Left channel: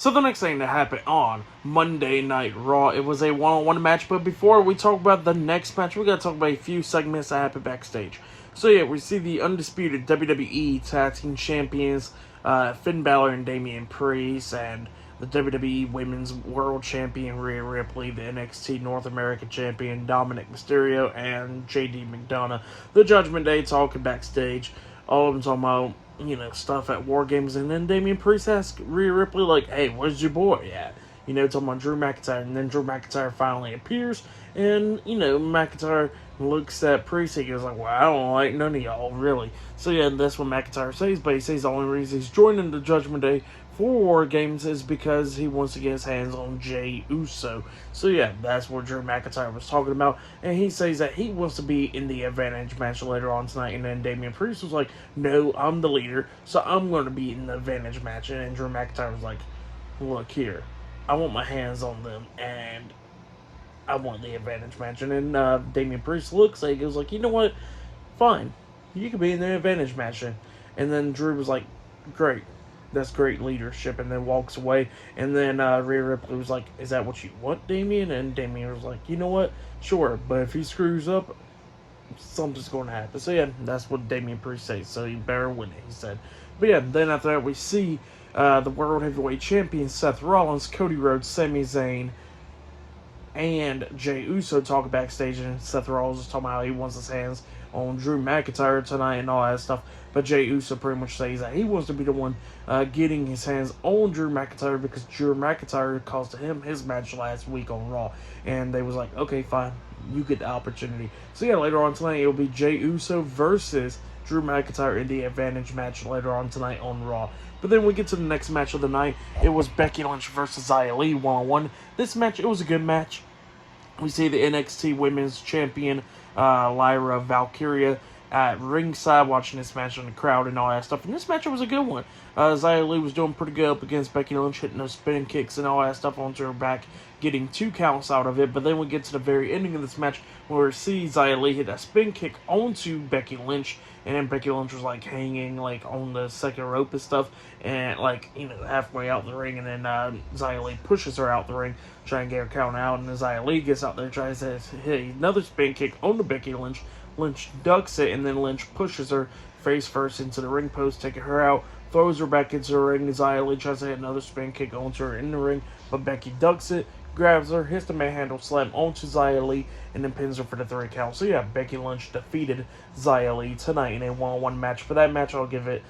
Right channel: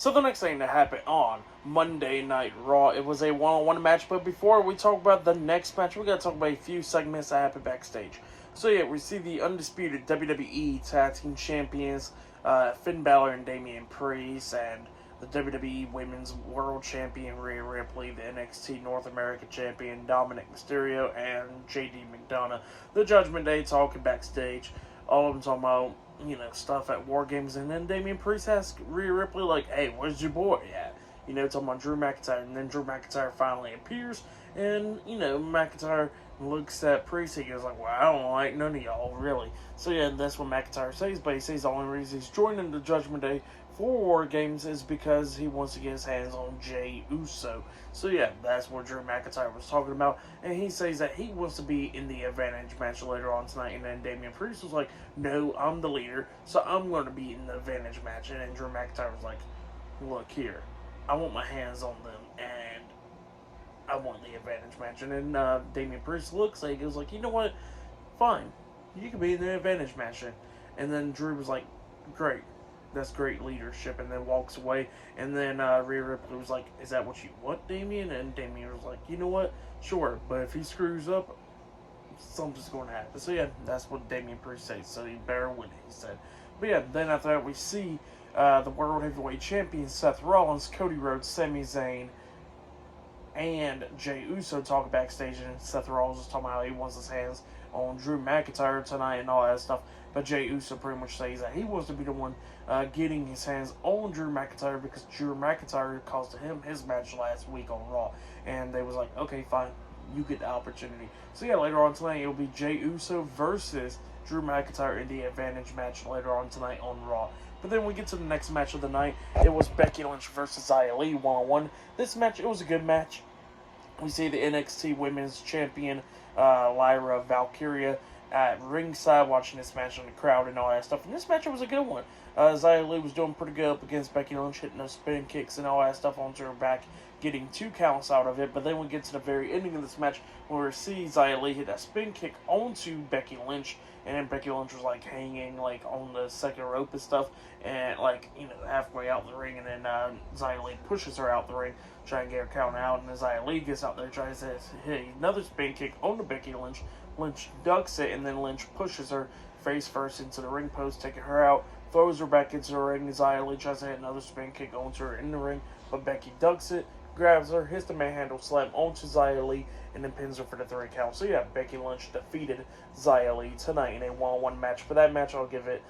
So the next thing that happened on Monday Night Raw, it was a one-on-one match. But before we talk about the next match, we gotta talk about a few segments that happened backstage. So yeah, we see the undisputed WWE Tag Team Champions, Finn Balor and Damian Priest, and the WWE Women's World Champion Rhea Ripley, the NXT North American Champion Dominic Mysterio, and JD McDonough. The Judgment Day talking backstage. All of them talking about, stuff at War Games, and then Damian Priest asks Rhea Ripley, like, hey, where's your boy at? Talking about Drew McIntyre, and then Drew McIntyre finally appears, and, McIntyre looks at Priest, he goes like, well, I don't like none of y'all, really. So yeah, that's what McIntyre says, but he says the only reason he's joining the Judgment Day for War Games is because he wants to get his hands on Jey Uso. So yeah, that's what Drew McIntyre was talking about, and he says that he wants to be in the advantage match later on tonight, and then Damian Priest was like, no, I'm the leader, so I'm going to be in the advantage match, and then Drew McIntyre was like, look here, I want my hands on them, and I want the advantage match. And then Damian Priest looks like, he goes like, you know what, fine, you can be in the advantage match. And then Drew was like, great, that's great leadership, and then walks away. And then Rhea Ripley was like, is that what you want, Damian? And Damian was like, you know what, sure, but if he screws up, something's going to happen. So yeah, that's what Damian Priest says, so you better win it, he said. But yeah, then after that we see the World Heavyweight Champion Seth Rollins, Cody Rhodes, Sami Zayn, and Jey Uso talking backstage, and Seth Rollins is talking about how he wants his hands on Drew McIntyre tonight and all that stuff. But Jey Uso pretty much says that he wants to be the one getting his hands on Drew McIntyre because Drew McIntyre cost him his match last week on Raw. And they was like, okay, fine, you get the opportunity. So yeah, later on tonight, it'll be Jey Uso versus Drew McIntyre in the advantage match later on tonight on Raw. But then we get to the next match of the night. It was Becky Lynch versus Xia Li one-on-one. This match, it was a good match. We see the NXT Women's Champion, Lyra Valkyria, at ringside watching this match in the crowd and all that stuff. And this match, it was a good one. Xia Li was doing pretty good up against Becky Lynch, hitting those spinning kicks and all that stuff onto her back, getting 2 counts out of it. But then we get to the very ending of this match where we see Xia Li hit that spin kick onto Becky Lynch, and then Becky Lynch was like hanging like on the second rope and stuff, and like, halfway out the ring, and then Xia Li pushes her out the ring, trying to get her count out, and then Xia Li gets out there, tries to hit another spin kick onto Becky Lynch. Lynch ducks it, and then Lynch pushes her face first into the ring post, taking her out, throws her back into the ring. Xia Li tries to hit another spin kick onto her in the ring, but Becky ducks it, grabs her, hits the manhandle slam onto Xia Li, and then pins her for the 3 count. So yeah, Becky Lynch defeated Xia Li tonight in a one-on-one match. For that match, I'll give it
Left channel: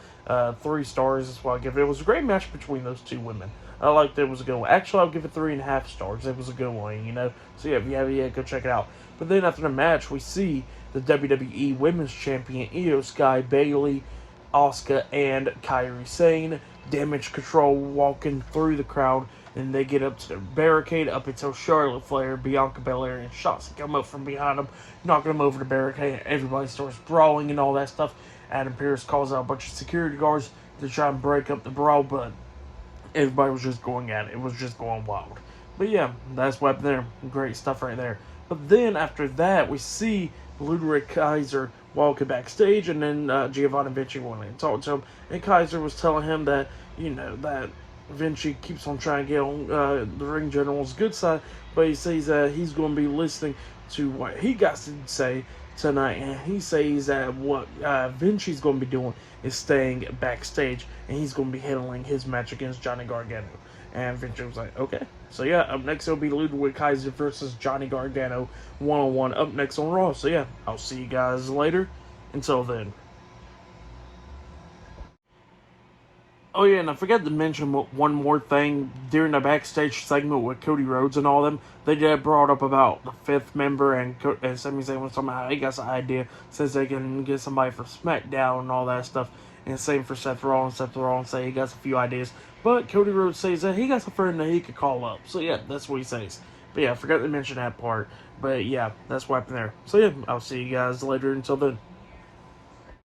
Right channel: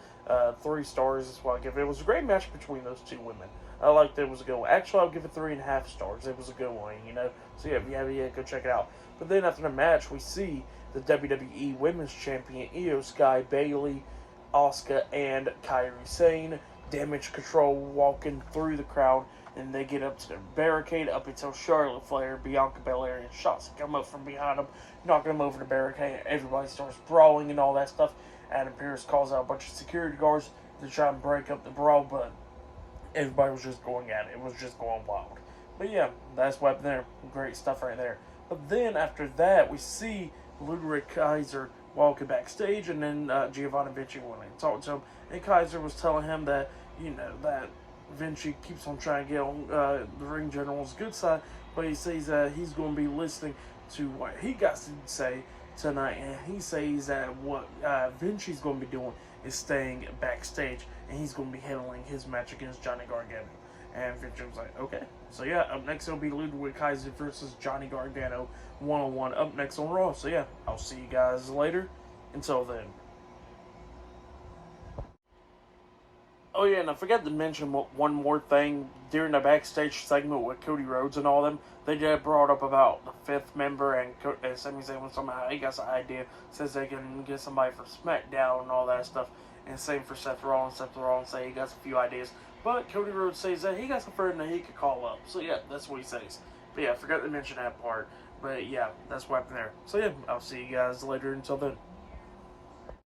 3 stars. That's what I'll give it. It was a great match between those 2 women. I liked it. It was a good one. Actually, I'll give it 3.5 stars. It was a good one, So yeah, if you have it, go check it out. But then after the match, we see the WWE Women's Champion Io Sky, Bayley, Asuka, and Kairi Sane, Damage Control walking through the crowd, and they get up to the barricade up until Charlotte Flair, Bianca Belair, and Shotzi come up from behind them, knocking them over the barricade, and everybody starts brawling and all that stuff. Adam Pearce calls out a bunch of security guards to try and break up the brawl, but everybody was just going at it. It was just going wild. But yeah, that's what happened there. Great stuff right there. But then after that, we see Ludwig Kaiser walking backstage, and then Giovanni Vinci went in and talked to him, and Kaiser was telling him that, that Vinci keeps on trying to get on the ring general's good side, but he says that he's going to be listening to what he got to say tonight, and he says that what Vinci's going to be doing is staying backstage, and he's going to be handling his match against Johnny Gargano. And Vinci was like, okay. So yeah, up next it'll be Ludwig Kaiser versus Johnny Gargano one-on-one up next on Raw. So yeah, I'll see you guys later. Until then. Oh yeah, and I forgot to mention one more thing. During the backstage segment with Cody Rhodes and all them, they did brought up about the 5th member, and Sami Zayn was talking about how he got some idea, says they can get somebody from SmackDown and all that stuff. And same for Seth Rollins. Seth Rollins say he got a few ideas, but Cody Rhodes says that he got a friend that he could call up. So yeah, that's what he says. But yeah, I forgot to mention that part. But yeah, that's what happened there. So yeah, I'll see you guys later. Until then.